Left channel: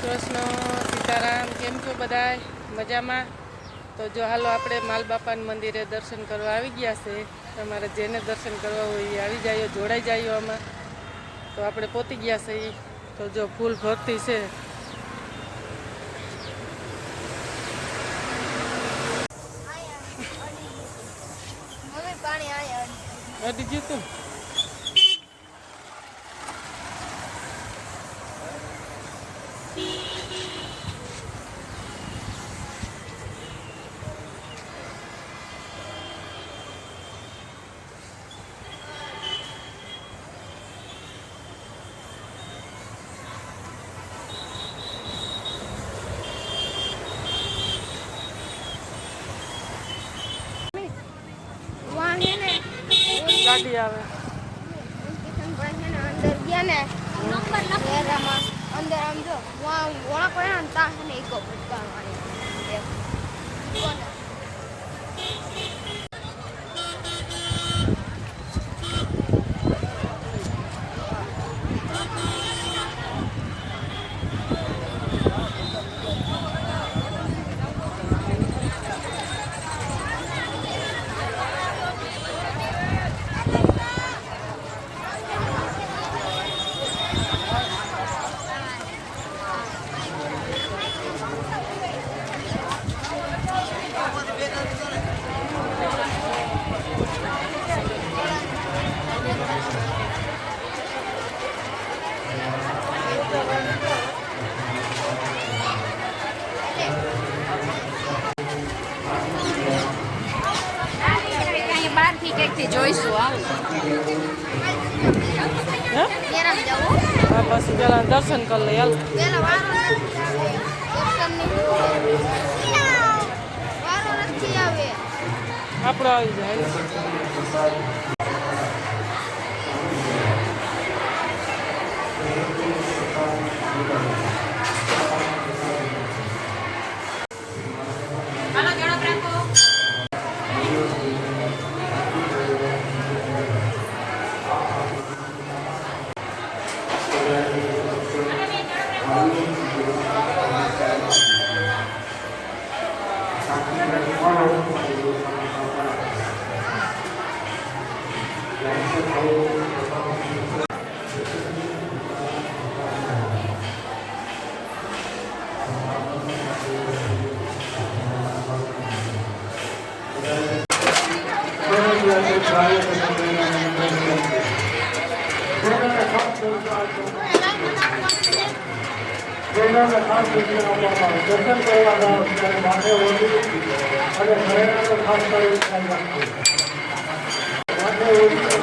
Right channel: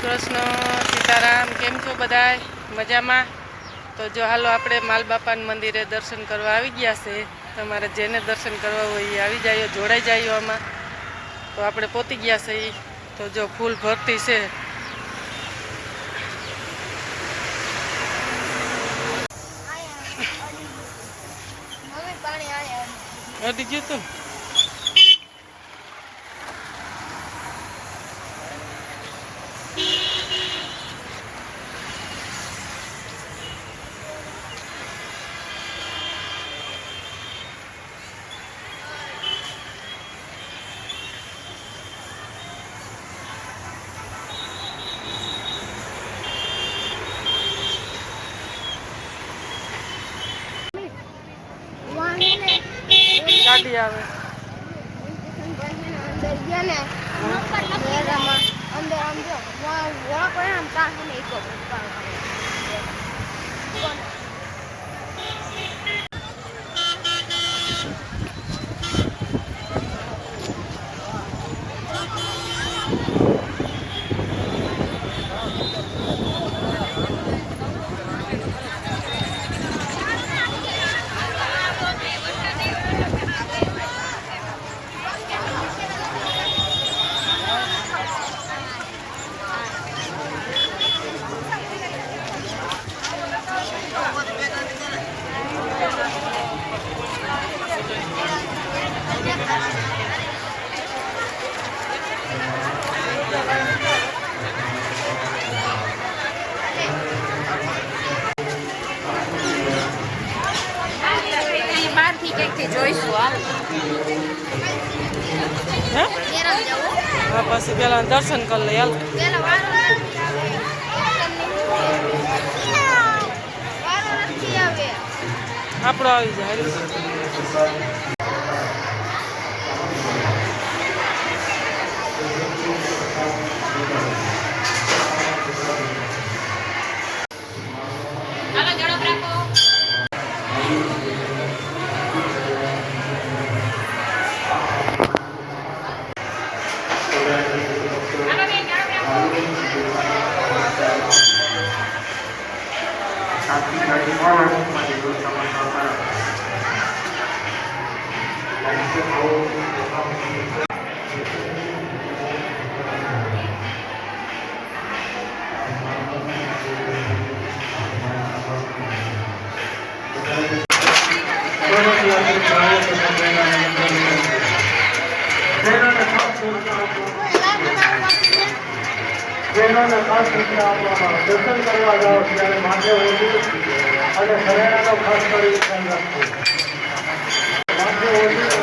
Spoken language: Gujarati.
કૃષ્ણ સીતારામ કેમ છો બધા મજામાં? તો જો હાલો આપણે માલબાપાના મંદિરે દર્શન કરવા આવી ગયા છે. તમારે જેને દર્શન કરવા હોય એ આવી જાય જોડાઈ જાય આમાં. તો આપણે પહોંચી ગયા છે એ તો જો ફૂલ ભરતી છે. અડી ગયું તું વાહ હે ને ગાડી આવે અંદર આમ જો વાહ વાહ કોઈ આમ તા હે ને હા પછી પેલા દર્શન કરી લઈ હાલ. આપણો આવી જાય હાલ. ટ્રેનોને ખાસ સૂચના આપવામાં આવે. દર્શન કરવા જાઓ ત્યારે માથે ઓઢી અને શરીરનો ખાસ કરી ધ્યાન રાખવું. માથે ઓઢી